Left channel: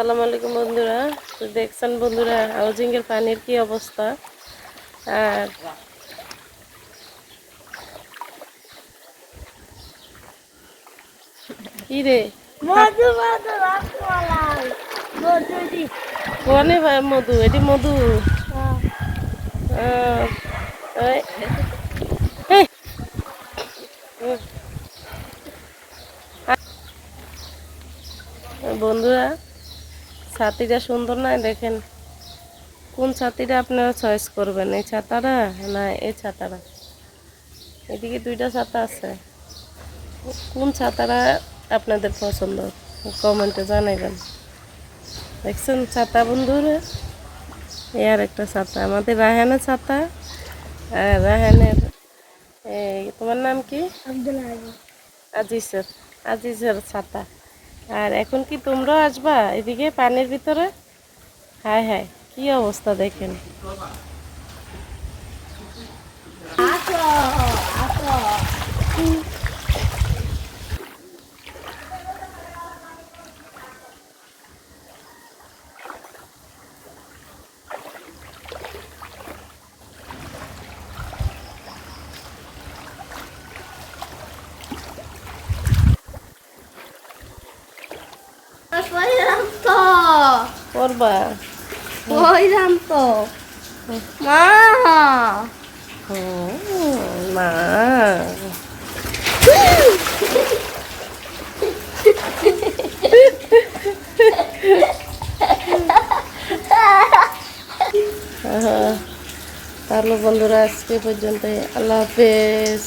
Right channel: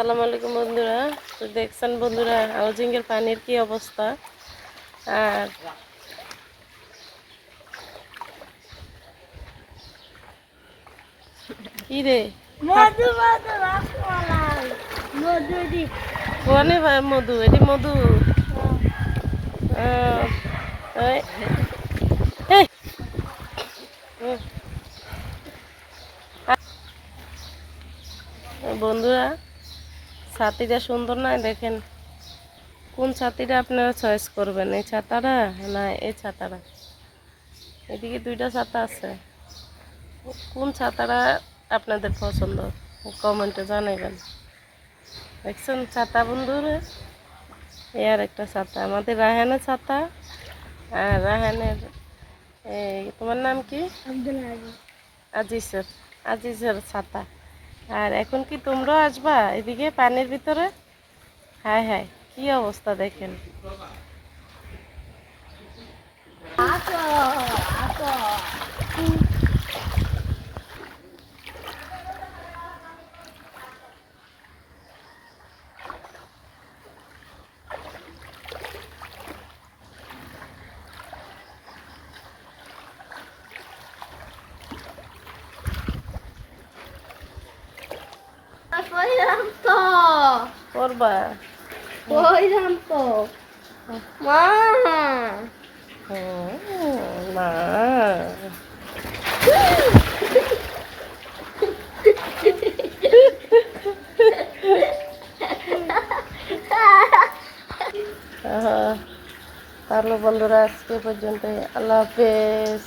আসসালামু আলাইকুম বন্ধুরা। তো দেখছেন বন্ধুরা হাউজিংয়ের পানির কি অবস্থা। আর কি রে মধু মধু রসমালাই মধু দি কোনে মধু এটি মধু। আহ, এই, এই, হুম, বন্ধুরা ছাতিটা সুন্দর নয় দেখেন। কোন ছাতিটা আপনারা চয়েস করবেন, এই ছাতাটা না এই ছাতাটা? এদিকে দুইটা ছাতা আছে, কোন ছাতাটা আপনাদের পছন্দ কমেন্টে জানাবেন। দেখছেন ছাতা বন্ধুরা, এই আর একটা ছাতা আমাদের রায়হানের ছাতা। আর রায়হানের তোমার নাম কি? আব্দুল আজিজ আজিজের আজিজের ছাতা। আর এখন কি তোমরা আসবা এদিকে পানির ভিতরে? হায় হায় কি অবস্থা দেখেন। আসো আসো কইরাম তো করবা? কইরাম তো মা মা তাহলে বন্ধুরা আজকে পর্যন্ত, আল্লাহ হাফেজ।